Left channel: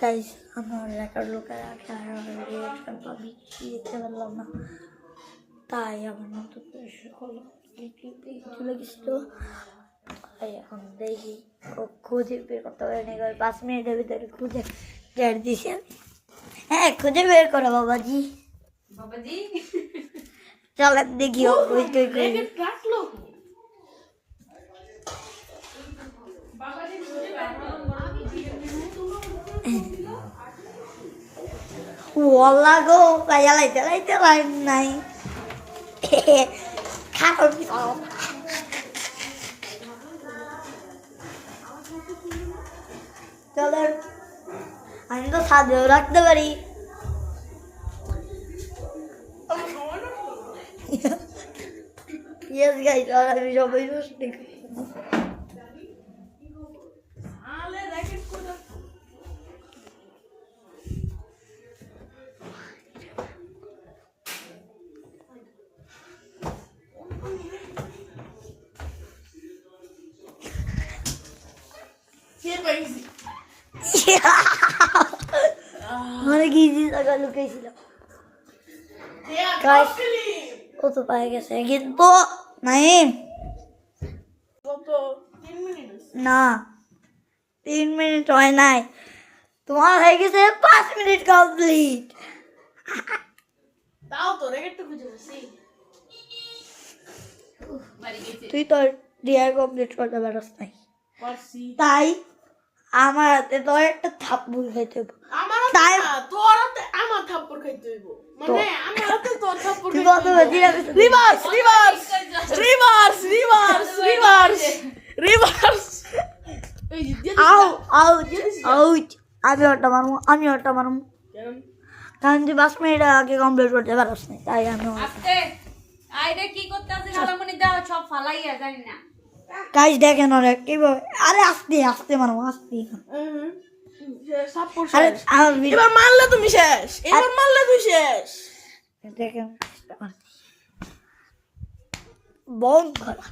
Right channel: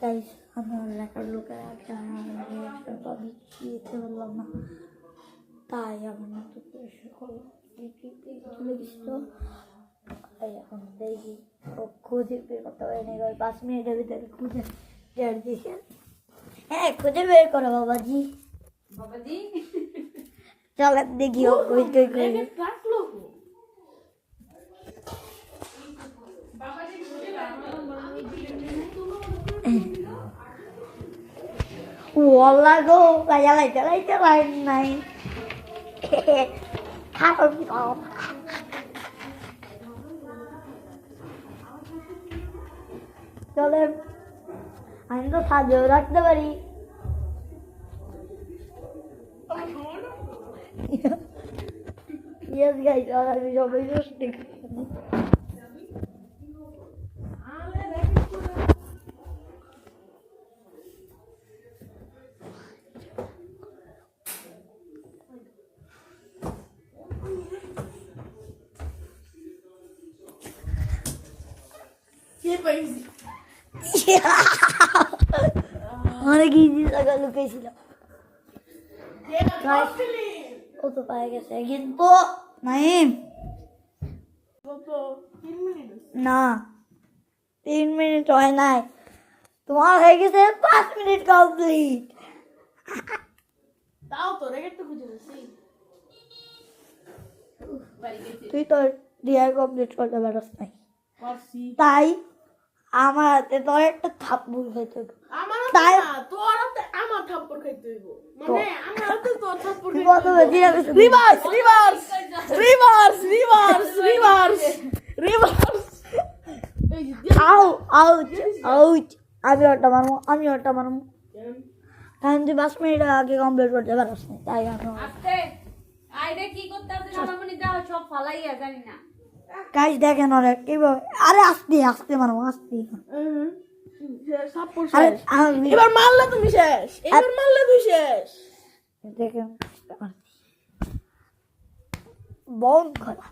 Guys আমার record লোকের আগে রিয়াকশন পাবি দিতে পারলাম না, তাই আমার নতুন চলে গেছিল। তাই এখন দেখি ও খুঁজে বের করতে পারেনি, 5 মিনিটের ভিতরে খুঁজে বের দিছে। হ্যাঁ খুঁজে বের করো বাবাজি, বাবাজি চলেন দেখি ও কই কই কই। ওয়াল্লা গো গায়া লাইতে লাইতে লাইন নাই খারাপ সব। চলেন আমি তো সাজেও রাখতে পারি। ইয়েস গাইস, আর আমি সবাই নষ্ট অনেক ইজি জায়গা লুকিয়েছিল, ও তো পায়ে গেছে কিন্তু নাইম না 3 মিনিট হয় নাই, তোমার হয়ে গেছে 5 মিনিট কমপ্লিট। তাও তো রেকর্ড খুঁজে বসি তুই তো ডিআই কমপ্লিট করতে পারস নাই, পারছি। তাই আমার হাতে তোর একটা থাপ্পড় খাইতে হবে। আমার তাই তোর হাতে আমার থাপ্পড় খাইতে হইব, মানে আমার হাতে তোর থাপ্পড় তুই খাইতে কত হইব। বাজি আমি reverse reverse reverse reverse reverse reverse এই যে আউ আউচ আউচ, আমি ওটা মারবো আমি ওটা মারবো, কারণ তুই 5 মিনিট আগে কমপ্লিট করতে পারস নাই, তাই আমি আস্তে আইরে কি করতেছিস আলামনি দাও সব ফালাইয়া জানি না। গাইস দেখেন ওরা কিভাবে, আরে আস্তে আস্তে মারবো আস্তে। থাপ্পড় আরে শেষ। আমি এবার মারলে তুমি শেষ, এবার মারলে তুই শেষ। দেখেন বন্ধ করা